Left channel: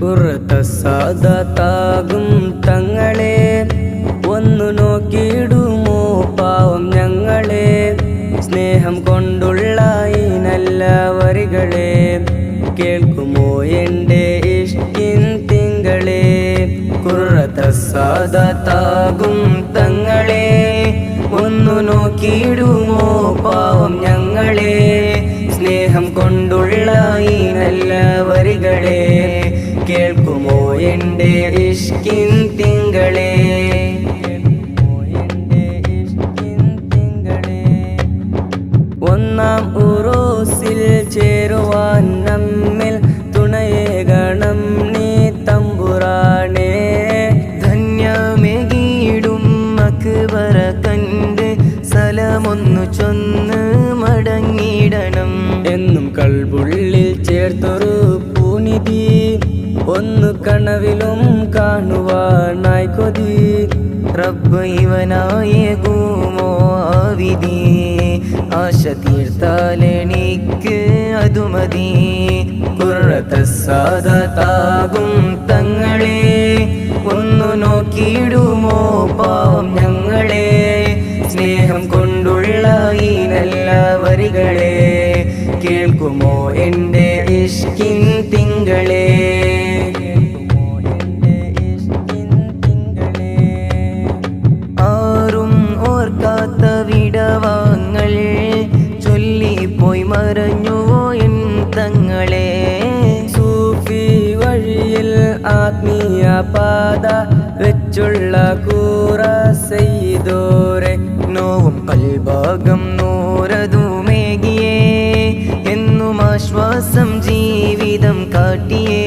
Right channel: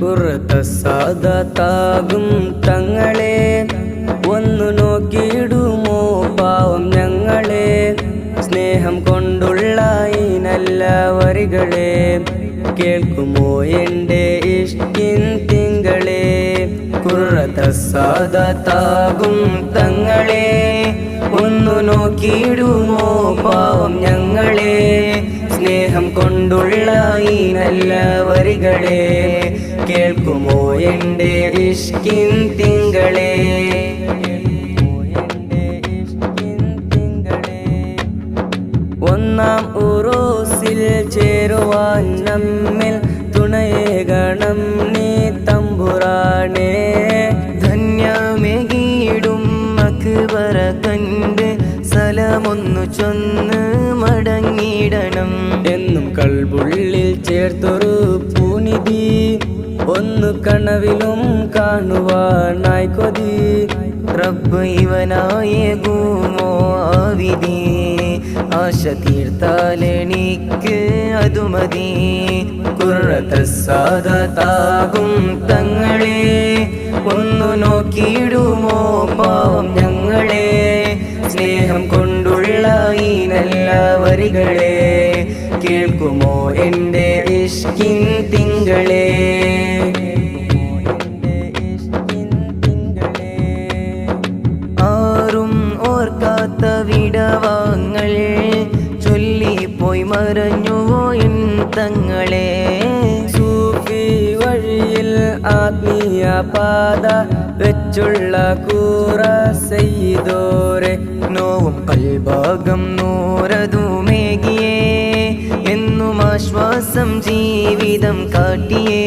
കുറത്തസാദത്താകും തങ്ങളെ ഒന്നു നോക്കിയിടുമോ പാവം ഞങ്ങളെ. സ്നേഹം കൊണ്ടുള്ള ഈ നല്ല വരികളെ കേൾക്കുമോ എൻ്റെ ഇഷ്കിൻ തിങ്കളെ. കുറത്തസാദത്താകും തങ്ങളെ ഒന്നു നോക്കിയിടുമോ പാവം ഞങ്ങളെ. സ്നേഹം കൊണ്ടുള്ള ഈ നല്ല വരികളെ കേൾക്കുമോ എൻ്റെ ഇഷ്കിൻ തിങ്കളെ. ഒന്നാം ഉറൂസിൽ ചേരുവാൻ നമ്മിൽ തുണയേകണം നീ തമ്പുരാനേ. ധന്യമേകിടും അക്ബറ കണ്ട് സലമൊന്നു ചൊന്ന് മടങ്ങിടണം. എന്നും കൽബുള്ളിൽ ചേർത്തൊരു പൂനിധി ഒന്നു കനവിലും കാണുവാനായി കൊതി. റബ്ബ് ഇവനായേകുമോ വിധി, ആശ തീർത്താലെനിക്ക് അതു മതി. കുറത്തസാദത്താകും തങ്ങളെ ഒന്നു നോക്കിയിടുമോ പാവം ഞങ്ങളെ. സ്നേഹം കൊണ്ടുള്ള ഈ നല്ല വരികളെ കേൾക്കുമോ എൻ്റെ ഇഷ്കിൻ തിങ്കളെ. ആരും ഓർക്കാത്ത വിടവാങ്ങൾ ചൊല്ലിപ്പോയി മറഞ്ഞുവോ എൻ തങ്ങളെ. സൂഫി വഴിയിൽ ആത്മീയ പാത വെച്ചുള്ള കൂറ സയ്യിദോരെ. നോവും കൽഭാഗം നൂറതുമേകിയേ എന്നും ആശ്വാസം ജീവിതം കാട്ടിയേ.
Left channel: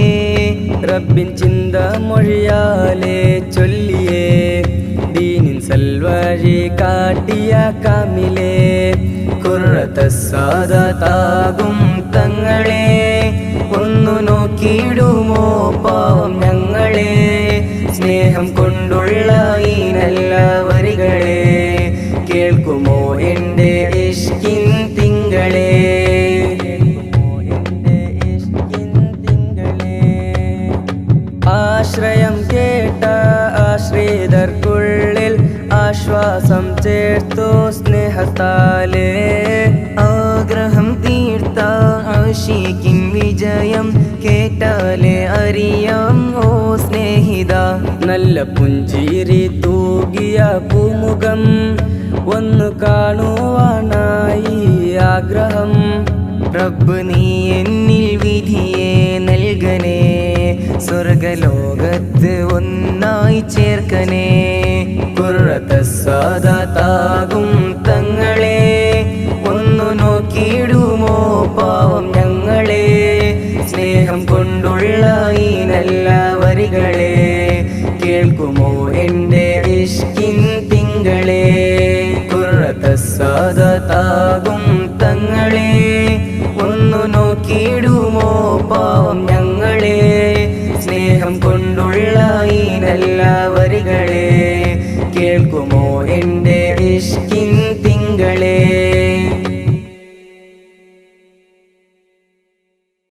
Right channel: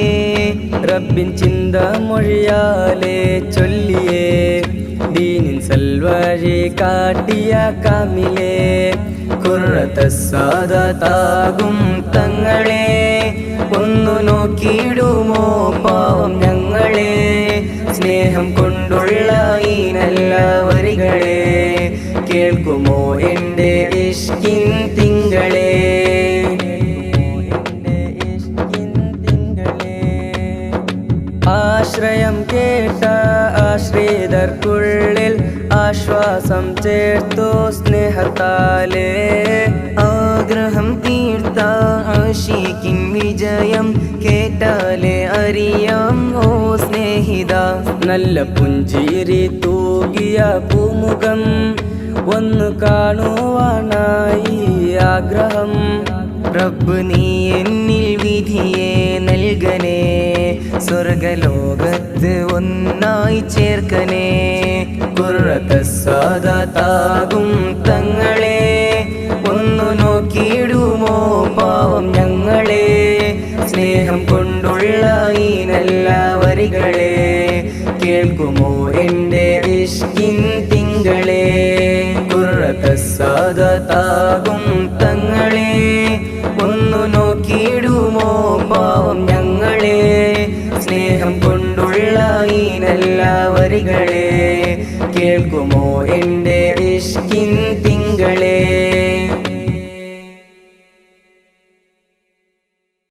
റബ്ബിൻ ചിന്ത മൊഴിയാലെ ചൊല്ലിയേ ദീനിൻ സൽവഴി കാട്ടിയ കാമിലേ. കുറത്തസാദത്താകും തങ്ങളെ ഒന്നു നോക്കിയിടുമോ പാവം ഞങ്ങളെ. സ്നേഹം കൊണ്ടുള്ള ഈ നല്ല വരികളെ കേൾക്കുമോ എൻ്റെ ഇഷ്കിൻ തിങ്കളെ. ആശ്രയം കേട്ട ആശ്രിതർക്കുള്ളിൽ ആശ്വാസം ചേർത്തു സ്നേഹത്താലേ. ആഗ്രഹം തീർത്ത ആശിക്കിൻ വിജയം കേട്ടാലേ അറിയാം ഓ സ്നേഹിത. നല്ല പുഞ്ചിരി തൂകിയ പൂമുഖം ഒന്ന് കാണുവാനായി ആഗ്രഹം. റബ്ബ് നീ എന്നിൽ വിധിയെ നൽകനേ, സ്വർഗലോകത്ത് ഒന്നായി ചേർക്കനേ. കുറത്തസാദത്താകും തങ്ങളെ ഒന്നു നോക്കിയിടുമോ പാവം ഞങ്ങളെ. സ്നേഹം കൊണ്ടുള്ള ഈ നല്ല വരികളെ കേൾക്കുമോ എൻ്റെ ഇഷ്കിൻ തിങ്കളെ. കുറത്തസാദത്താകും തങ്ങളെ ഒന്നു നോക്കിയിടുമോ പാവം ഞങ്ങളെ. സ്നേഹം കൊണ്ടുള്ള ഈ നല്ല വരികളെ കേൾക്കുമോ എൻ്റെ ഇഷ്കിൻ തിങ്കളെ.